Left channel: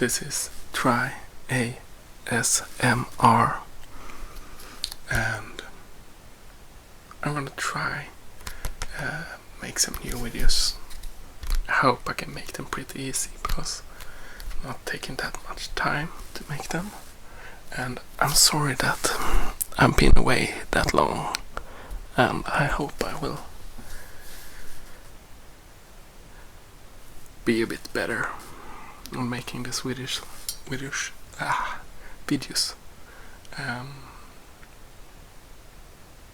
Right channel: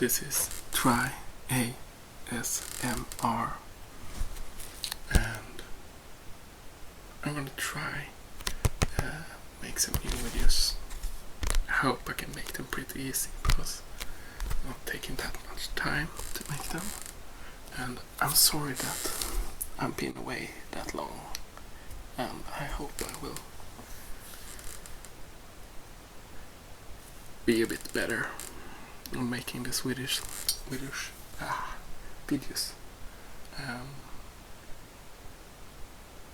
This is Try ASMR, and I'm gonna try make some new videos. I hope I can make them pretty easy because not taking that much time to make them, and I'm sorry that I've been away that long, and I hope I will be a bit better on making these videos.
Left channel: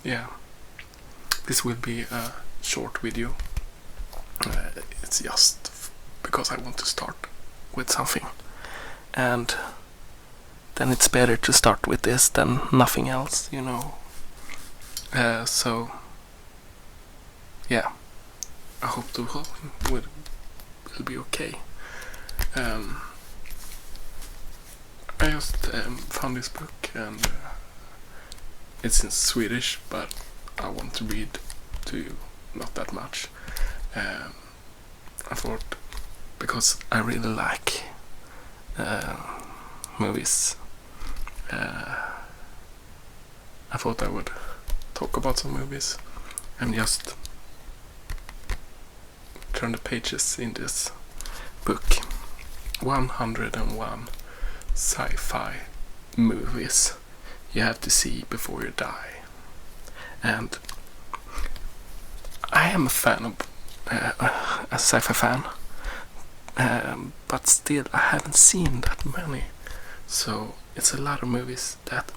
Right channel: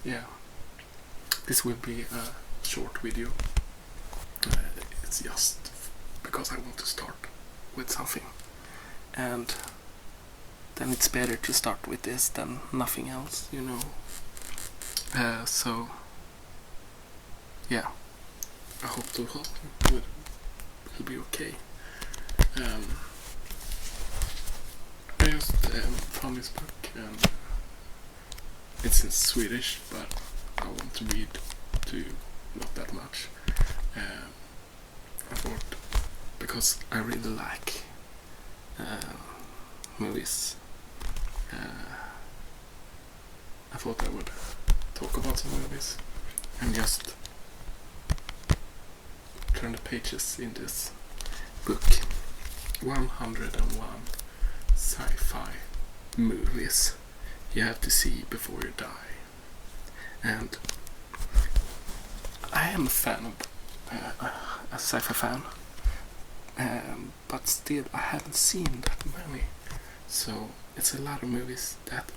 Yeah, this will be a short video. It's just because I want to start with something, and then it's better to start with this than nothing else, you know. So yeah, I hope the whole thing will be okay. I just found this book, and it's in Swedish, but I want to read to you not that much. I thought, because I really like movies, I thought I would talk about some movies and just turn the pages in this book. 101 sci-fi movies you have to see before you die. And I am a fan of a sci-fi fan, but still I haven't seen that many, so it's a lot of movies that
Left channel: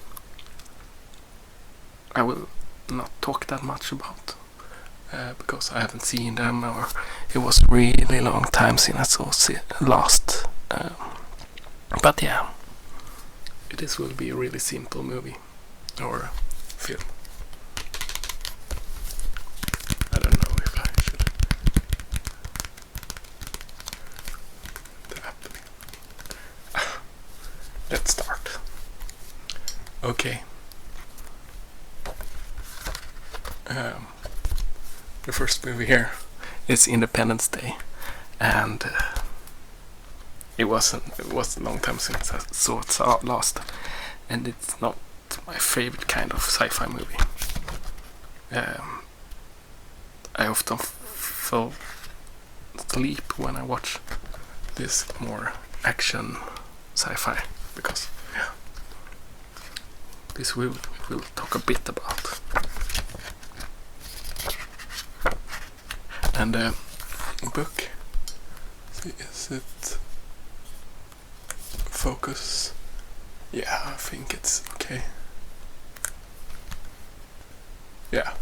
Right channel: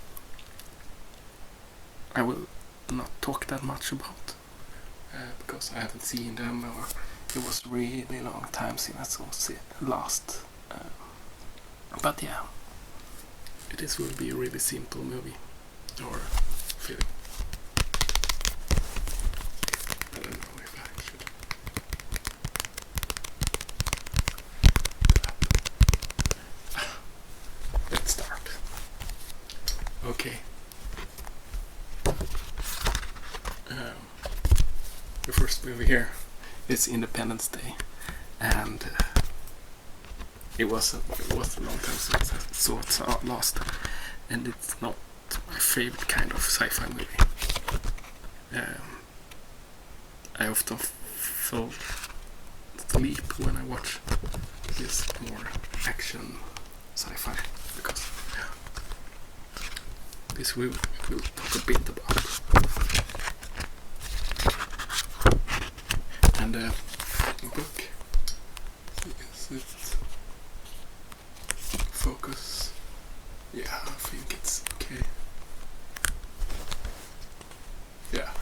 I will not talk that much about because I haven't seen them, or it was really long time since I saw last. But yeah, this will be a really simple movie or film. I don't know if I should let's start. Okay. The first movie here is Independence Day, and it was a long time since I saw it last, and it's not my favorite kind of sci-fi movie. I often fall asleep when I watch this more action sci-fi, because this we will talk a bit about. And the book, is it focus? Yeah, I think it's okay. Yeah.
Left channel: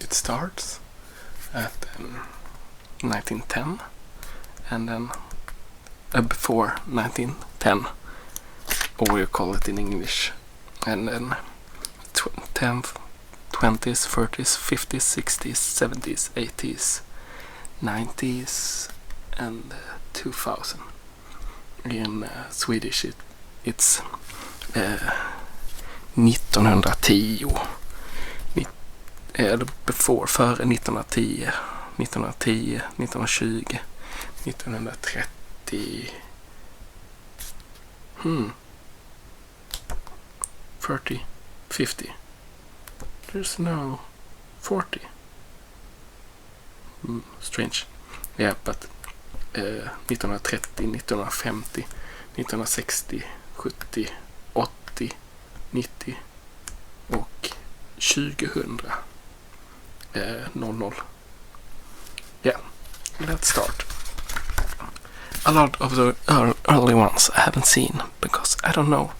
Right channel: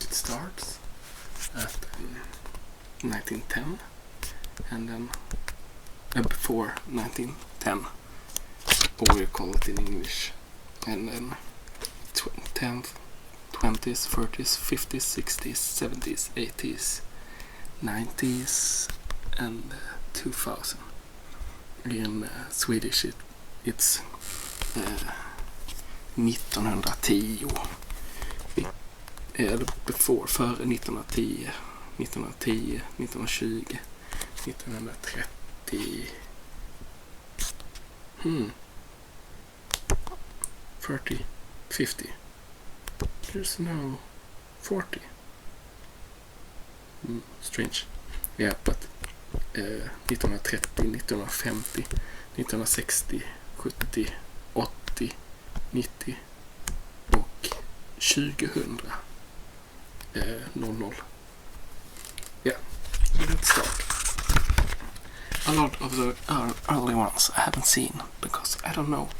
It starts at 1910, and then before 1910, or we call it in English, and then 10th, 20s, 30s, 50s, 60s, 70s, 80s, 90s, and 2000. In Swedish it's 1910, före 1910, 1910, 1920, 1930, 30, 50. There's no 40. Strange. Yeah, but 1930, 1950, 1960, 70, 80, 90 och 2000. 00. Yeah, let's start. A lot of the early ones I haven't seen because I don't know.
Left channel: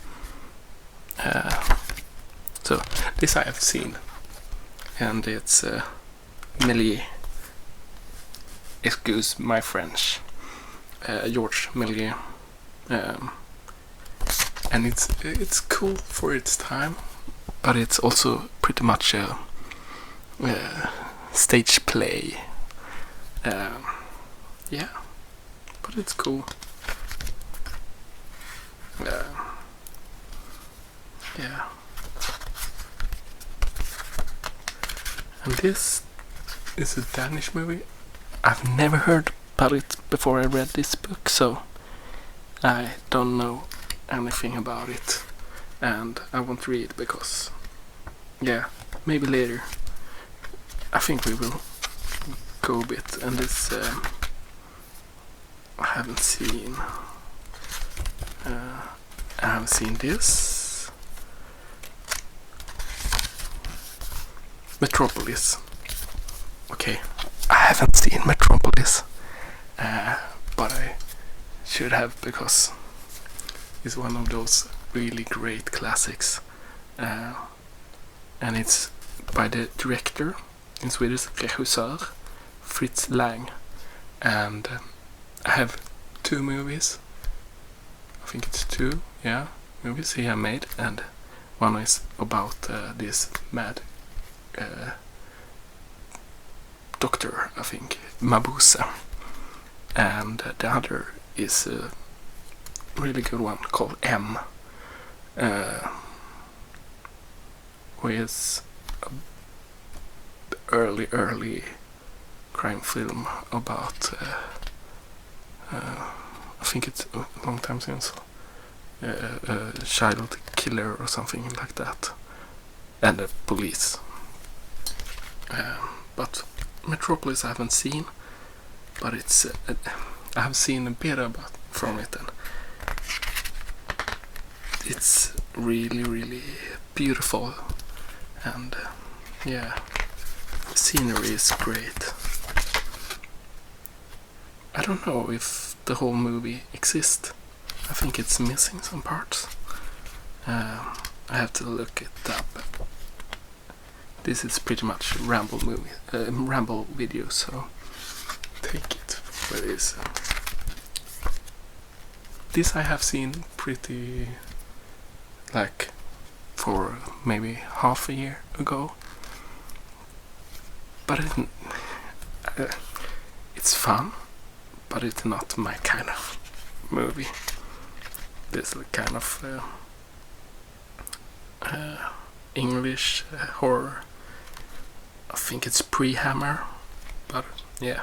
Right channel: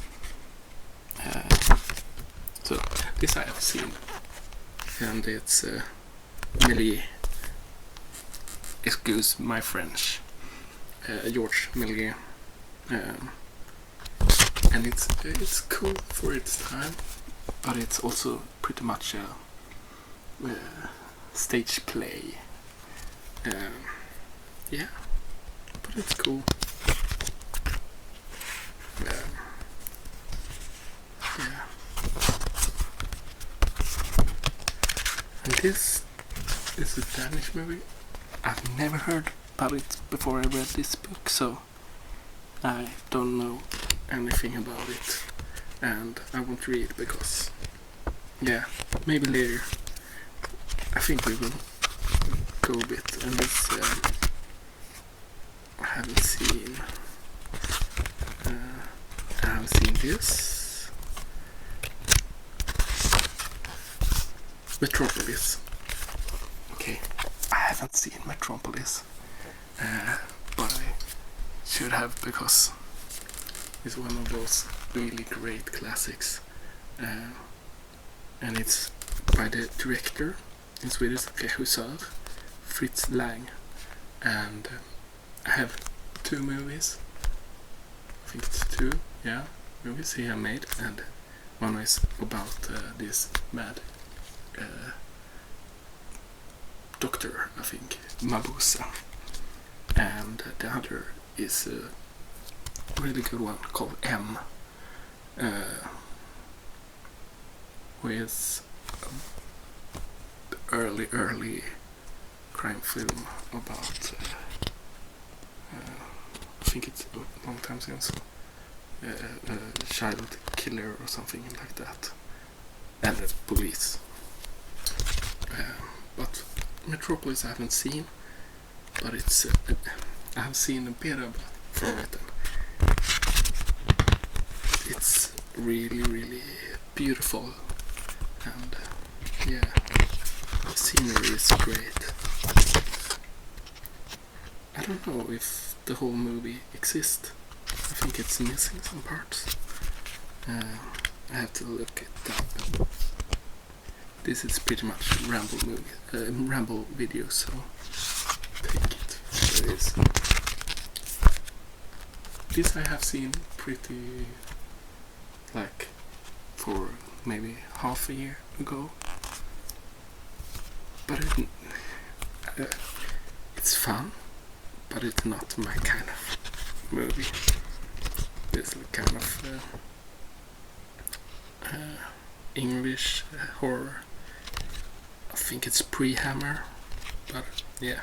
So this I have seen, and it's Méliès. Excuse my French. George Méliès, and it's cool for its time, but it's also pretty much a stage play. Yeah, but it's cool. Yeah. And this is a Danish movie. I've never heard about it before I read this book, so I don't know anything about it, and I won't read because, yeah, maybe later. I think we will go a bit, and this I haven't seen. I haven't seen this. Metropolis. Okay, I haven't seen Metropolis, but I should have because it's one of those really great classics, and it's by the director, in Swedish, regissör, Fritz Lang, and I have 2 movies. I think it's 2, yeah, movies he have made, and one is about this mad doctor, I think, Mabuse, and the other is a really good one called M, with early crime film about I think it's a long time since, a child killer or something like that, and the police. But Metropolis I haven't seen, but it's I have seen a bit about from it, and it's really beautiful, and yeah, the scenery is great. I don't know if the whole movie exists. I think it's missing some parts. I have to look it up. This is pretty much Ramble Ramble video, so take it for it is. This I have seen pretty, like, for maybe half a year ago, but it's fun, but it's not my kind of movie. This is kind of English horror. I think it's pre-Hammer, but yeah.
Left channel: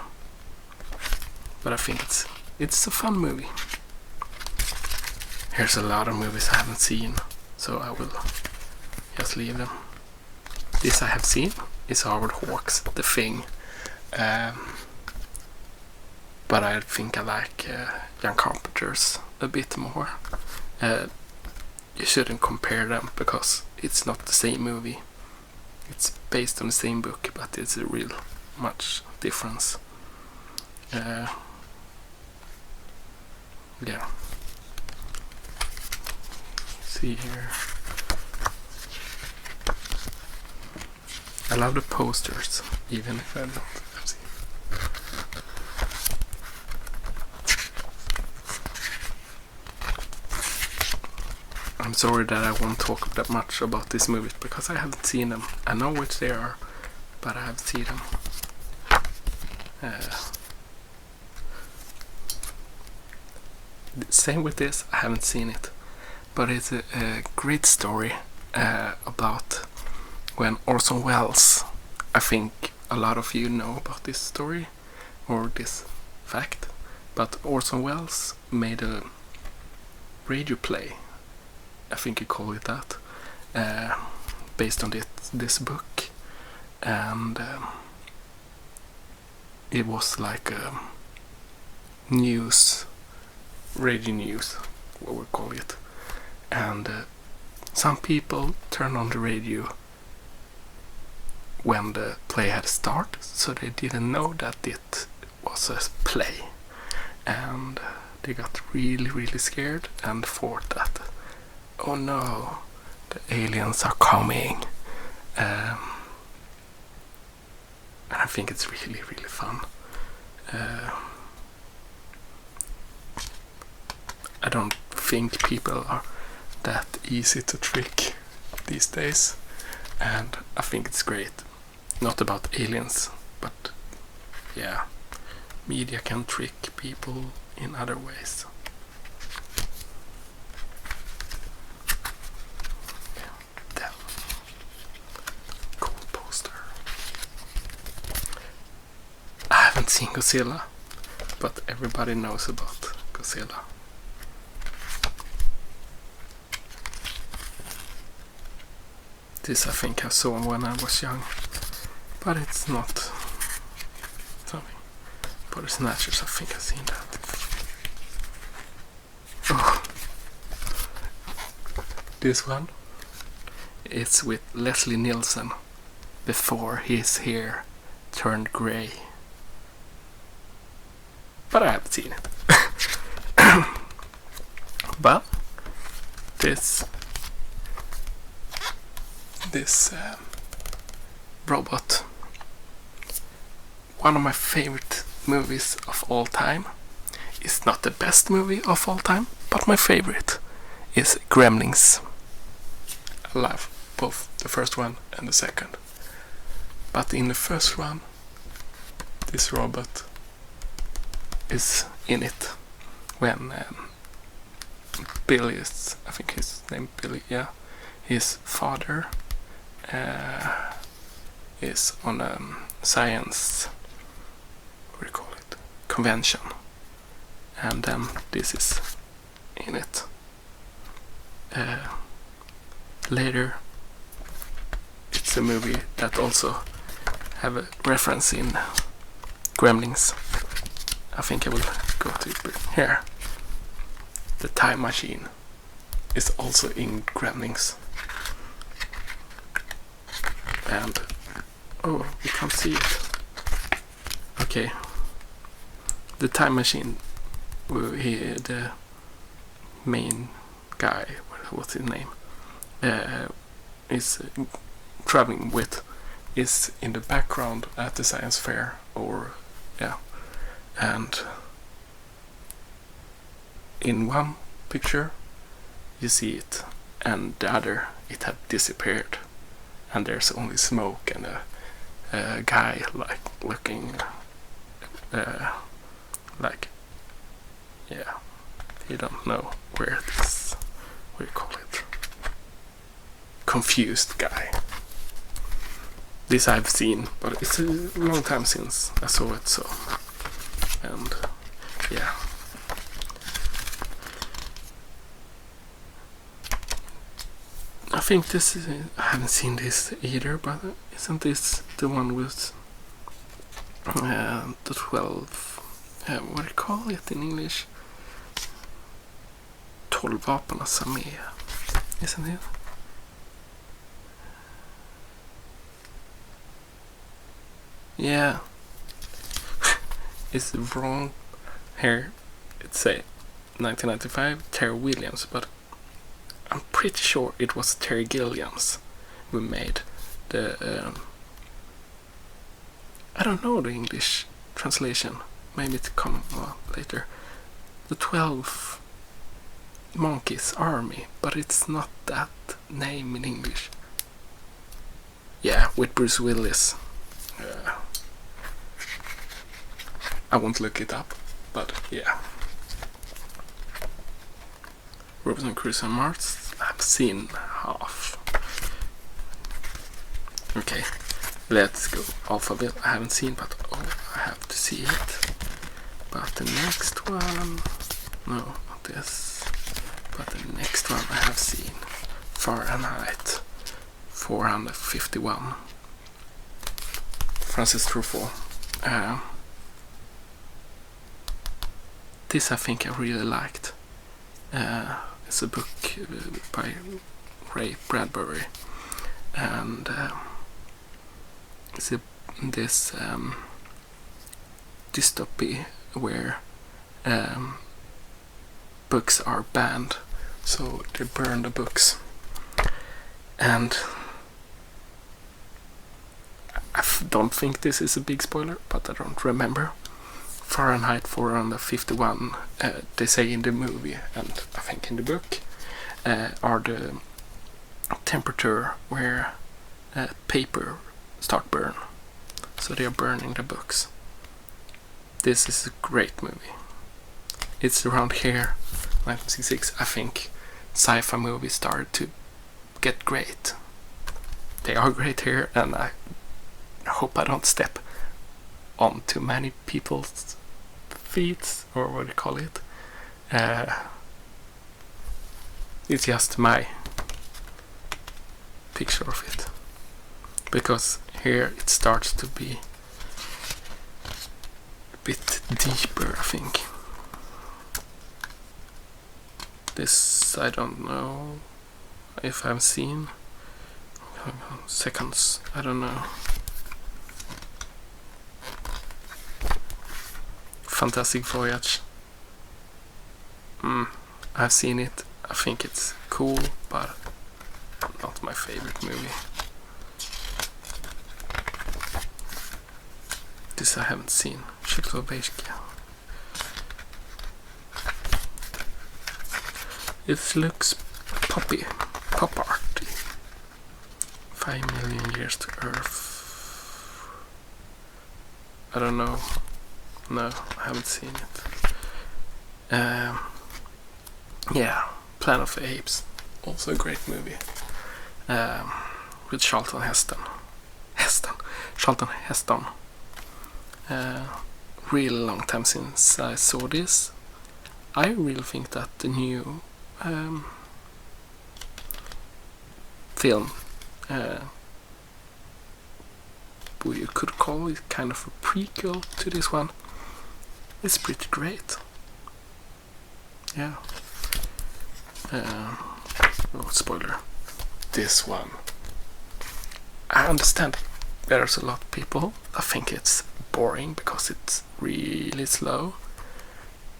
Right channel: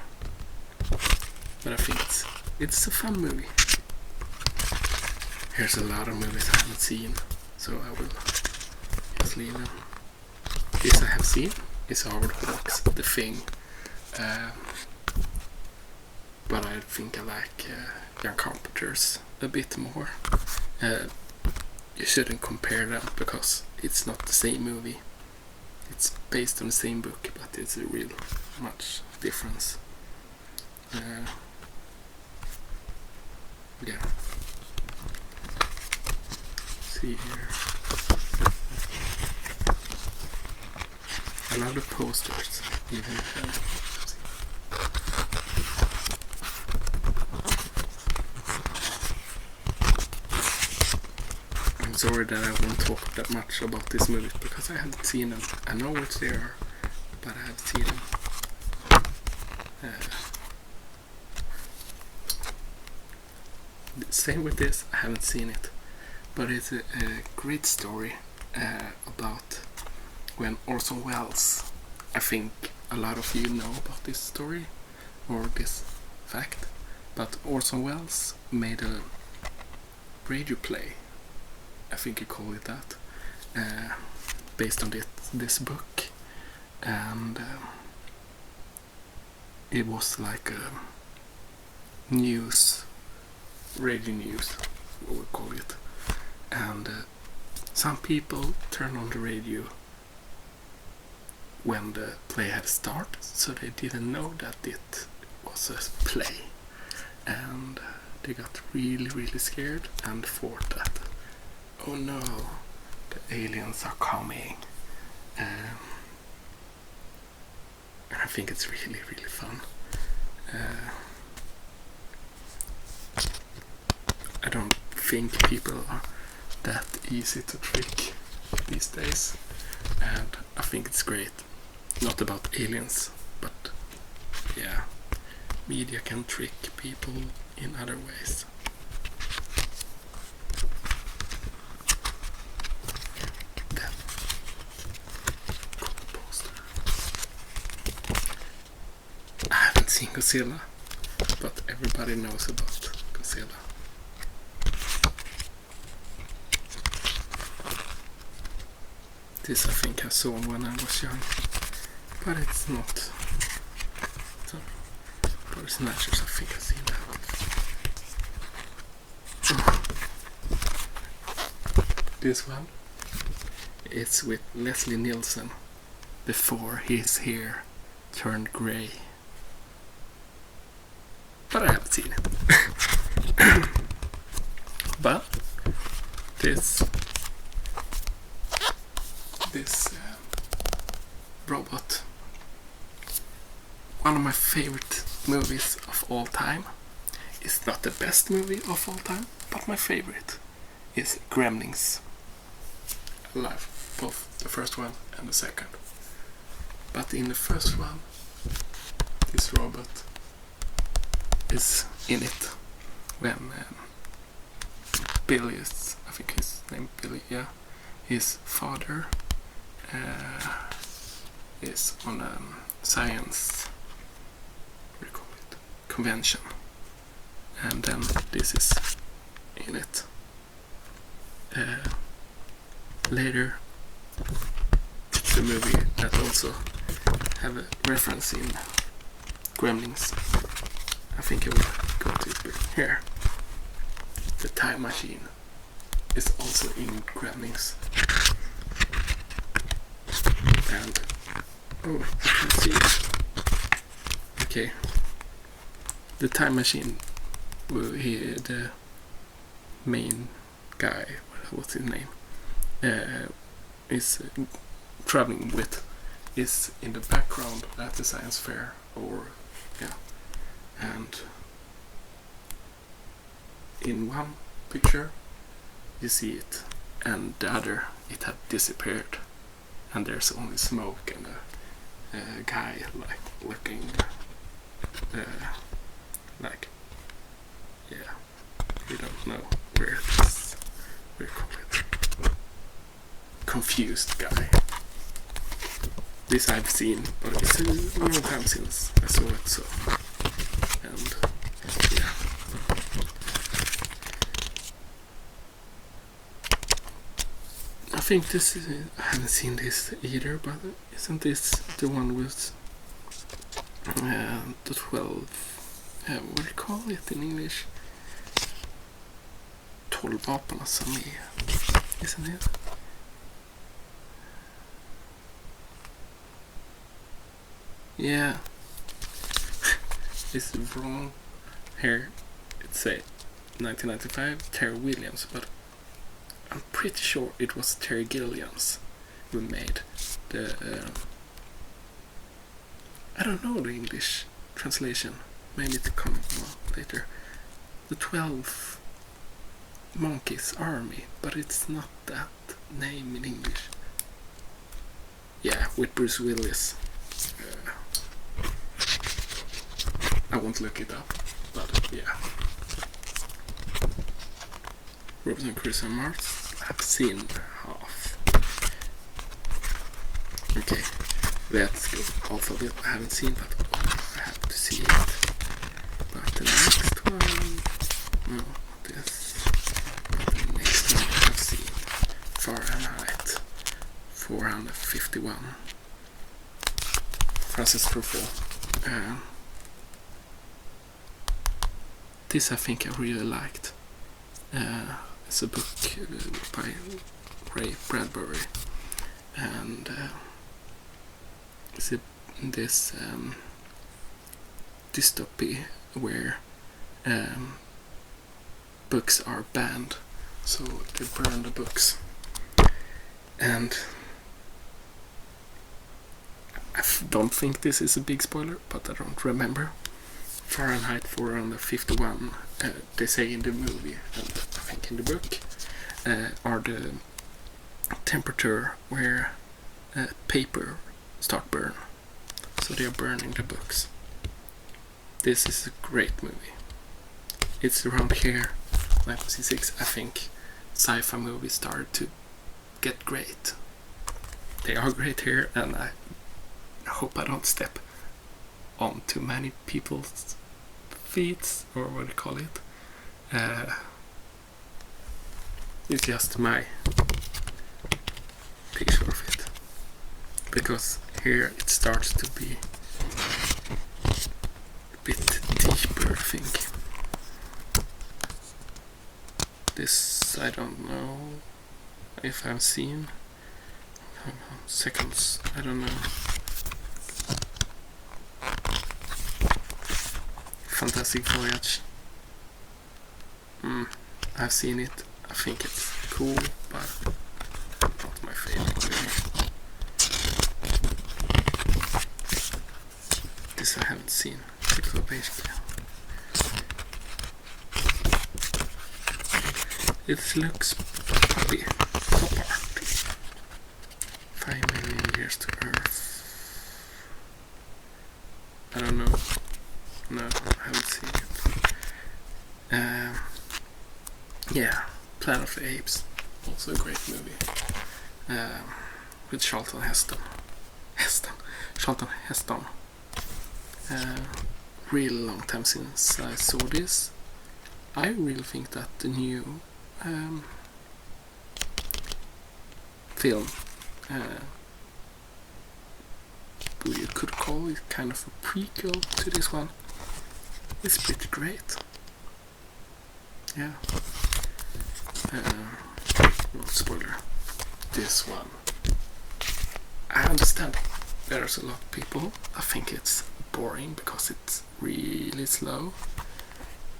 But I think it's a fun movie. Here's a lot of movies I haven't seen, so I will just leave them. This I have seen is Howard Hawks' The Thing, but I think I like John Carpenter's a bit more. You shouldn't compare them because it's not the same movie. It's based on the same book, but it's a real much difference. Yeah. See here. I love the posters, even. I'm sorry that I won't talk that much about this movie because I haven't seen them. I know which they are, but I haven't seen them. Same with this, I haven't seen it, but it's a great story about when Orson Welles, I think a lot of you know about this story or this fact, but Orson Welles made a radio play, I think you call it that, based on this book, and it was like a radio news, what we call it, and some people turn on the radio when the play had started, so they didn't know that it was a play, and they got really scared and thought that, oh no, the aliens are coming, and I think it's really fun. I don't think people are that easy to trick these days, and I think it's great. Not about aliens, but yeah, media can trick people in other ways. Damn. Cool poster. I haven't seen Godzilla. but everybody knows about Godzilla. This I think I saw when I was young, but it's not something. Body Snatchers, I think I've seen that. This one, it's with Leslie Nielsen before his hair turned grey. But I haven't seen it. But this robot, one of my favorite movies of all time. It's not the best movie of all time, but my favorite is Gremlins. I love both the first one and the second. But in the first one, this robot is in it when Billy's, I think his name Billy, yeah, his father is on a science, what do you call it, convention, and then this is in it. Later, it's a movie that also have a reference in Gremlins. I think I will go to it here. The time machine is also in Gremlins. And oh, I can't see it. Okay. The time machine, the main guy, what's his name, is traveling with, is in the background at the science fair, or yeah, and in one picture you see it, and the other it had disappeared, and there's only smoke and a guy like looking like, yeah, we don't know where this, what do you call it, confused guy. This I've seen, but it's a long time since I saw it, so, and yeah. I think this is, I haven't seen this either, but isn't this the one with the 12, what do you call it in English? 12 vapenas armé, isn't it? Yeah, it's wrong here. It say 1995 Terry Williams, but I'm pretty sure it was Terry Gilliams who made the. I don't know the English translation. Maybe it come later. The 12 Monkeys Army, but it's not that name in English. Yeah, with Bruce Willis. I won't look it up, but yeah. Robinson Crusoe on Mars, I've seen half. Okay, let's go Alphabet. I haven't seen, but I have to see it. But the next one, no, not this. But the next one I have seen, Fahrenheit 451. Francis Truffaut. This I think I really liked. It's a book by Ray Bradbury, and it's this dystopia where books are banned, so they burn the books. And I don't think this is a big spoiler, but I don't remember. Fahrenheit 451, they say in the movie, and I think in the book, are the temperature where paper start burn. So they are burning the books. This is a great movie. It's around here, 1966, I think sci-fi movies started to get great. They are great here, and I hope I don't step on too many people's feet, or what do you call it, it's just my picture of it, because here it starts to be a bit deeper, I think. This I don't know if I've seen. Seconds, I don't know. Fantastic Voyage. I've seen it. I think it's cool, but not my favorite movie. This I haven't seen. It looks pop art. 5 million years to Earth. I don't know. No, I haven't seen it. Yeah, Planet of the Apes. Also a great movie. With Charlton Heston. Charlton Heston. Really long time since I saw this. I really think that the new film, what you could call it kind of a prequel to this one, is pretty great. Yeah. No spoiler. This one, I understand there's a lot of people that think it's boring because it's really slow,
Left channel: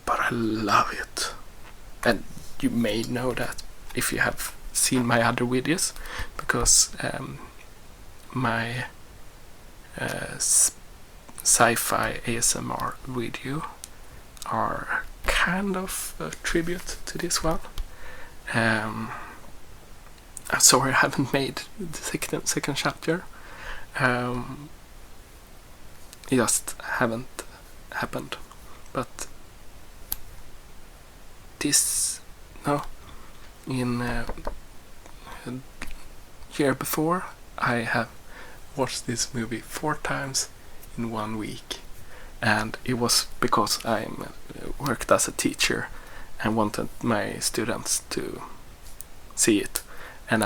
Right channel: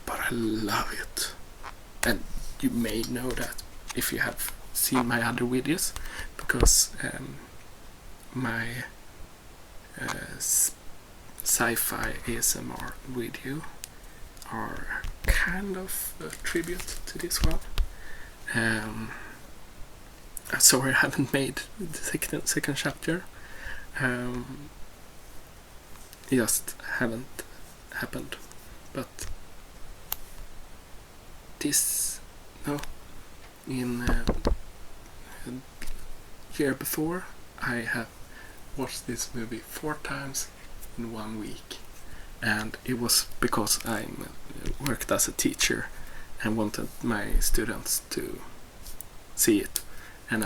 but I love it. And you may know that if you have seen my other videos, because my sci-fi ASMR video are kind of a tribute to this one. Sorry I haven't made the second chapter. Just haven't happened. But this, no, in year before, I have watched this movie 4 times in 1 week, and it was because I worked as a teacher and wanted my students to see it. And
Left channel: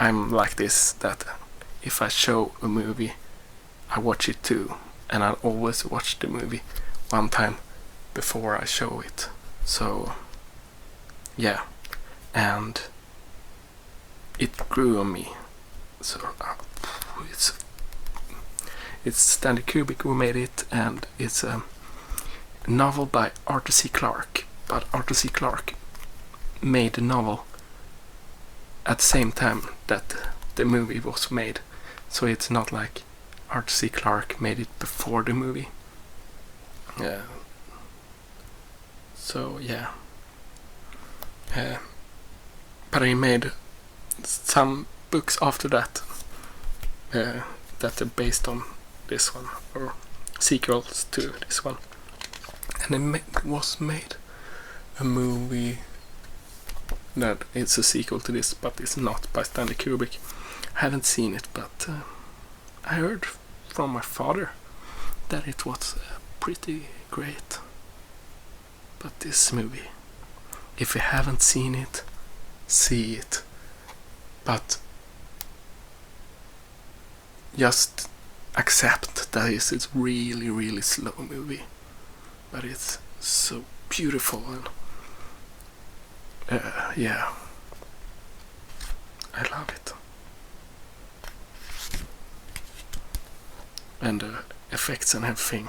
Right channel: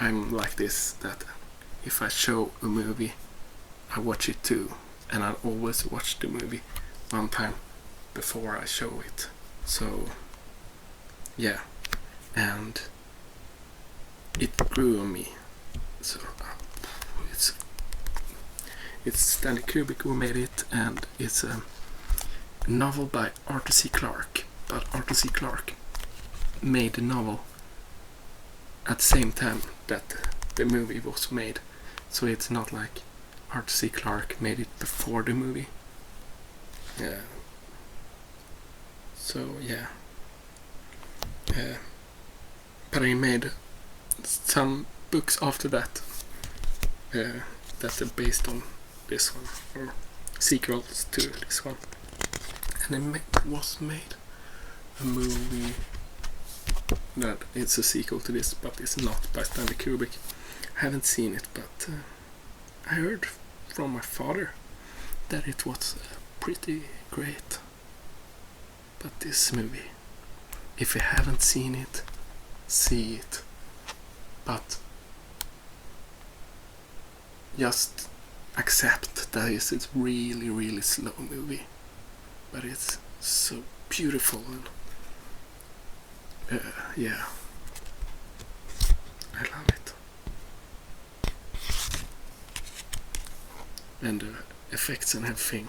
I'm like this, that if I show a movie, I watch it too, and I always watch the movie 1 time before I show it. So yeah, and it grew on me. So it's Stanley Kubrick who made it, and it's a novel by Arthur C. Clarke. But Arthur C. Clarke made the novel at the same time that the movie was made, so it's not like Arthur C. Clarke made it before the movie. Yeah. So yeah. But I made some books after that that are based on this one, or sequels to this one, and it was made a movie that it's a sequel to this, but it's not by Stanley Kubrick. I haven't seen it, but I heard from my father that it was pretty great. But this movie, if you haven't seen it, see it. But just accept that it's a really, really slow movie. But it's so beautiful, and yeah, I love it. And the effects and everything,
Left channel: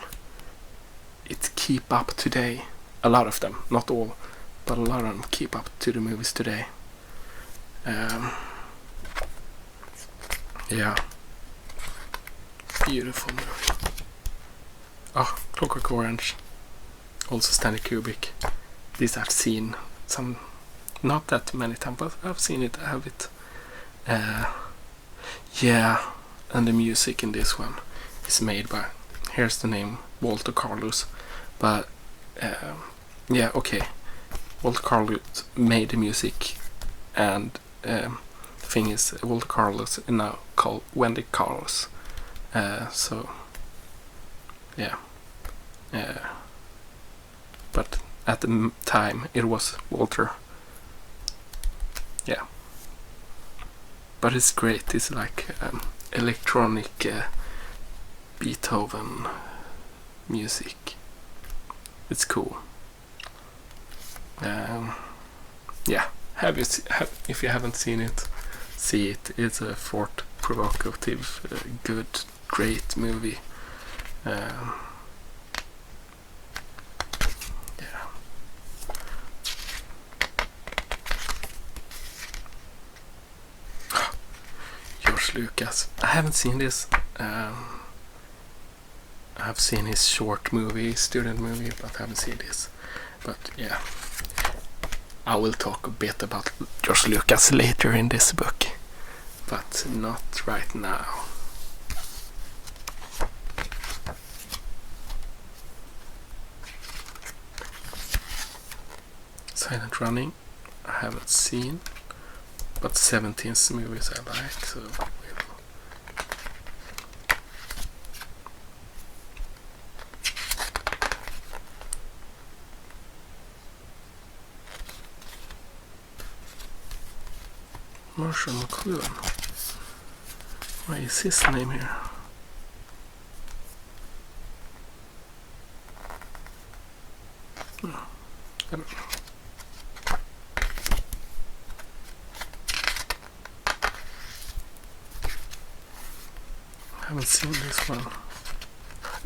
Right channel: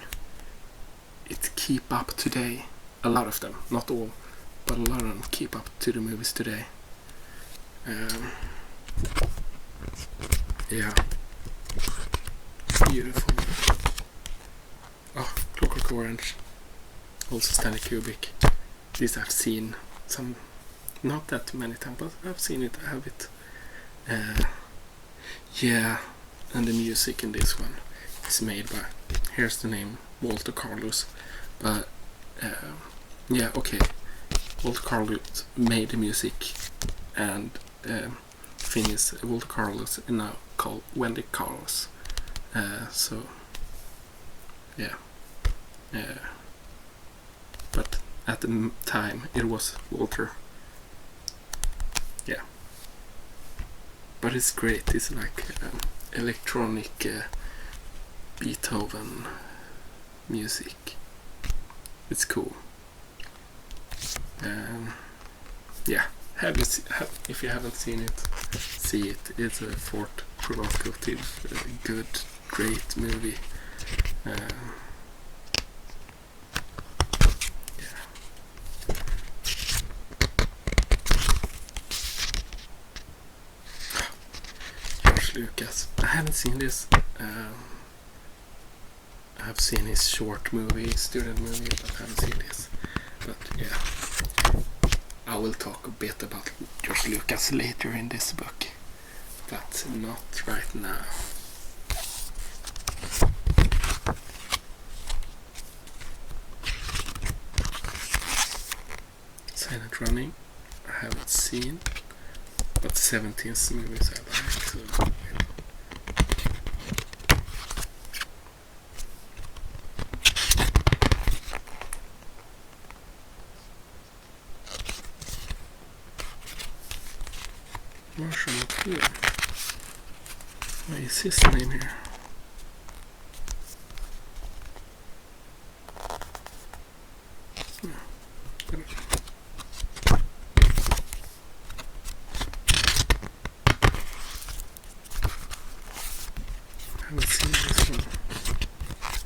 it keep up today. A lot of them, not all, but a lot of them keep up to the movies today. Yeah, beautiful. Oh, Clockwork Orange, also Stanley Kubrick. This I've seen some, not that many times, but I've seen it. I have it. Yeah, and the music in this one is made by, here's the name, Walter Carlos. But yeah, okay, Walter Carlos made the music, and thing is, Walter Carlos is now called Wendy Carlos. So yeah, but at the time it was Walter. Yeah, but it's great. It's like electronic Beethoven music. It's cool. Yeah, if you haven't seen it, see it. It's a thought provocative, good, great movie. Yeah. George Lucas. I haven't seen this. I've seen his short movie, student movie, but I haven't seen this. But yeah, I will talk a bit about George Lucas later in this book, but not right now. Silent Running, I haven't seen, but 17's movies I like, so Marshall McLuhan. What is his name here? I haven't seen this one.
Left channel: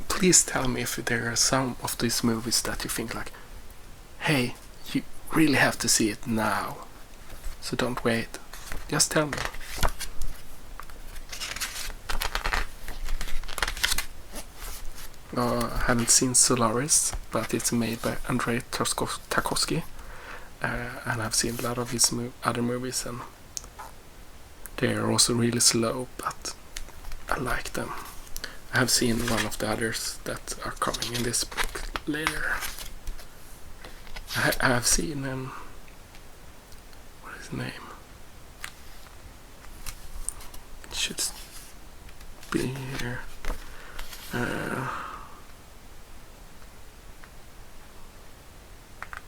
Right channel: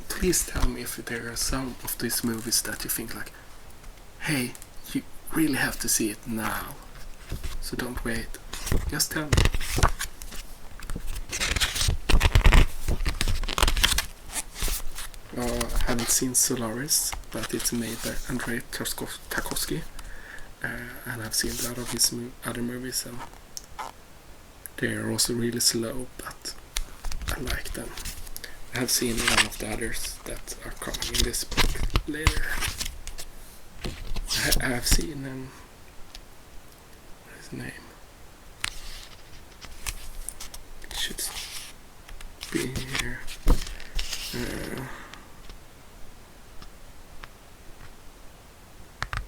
Please tell me if there are some of these movies that you think like, hey, you really have to see it now. So don't wait. Just tell me. I haven't seen Solaris, but it's made by Andrei Tarkovsky, and I've seen a lot of his other movies, and they are also really slow, but I like them. I have seen one of the others that are coming in this book later. I have seen what is his name? It should be here.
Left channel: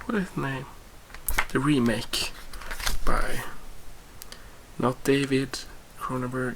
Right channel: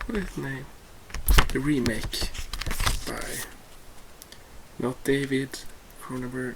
What is his name? The remake by not David Cronenberg.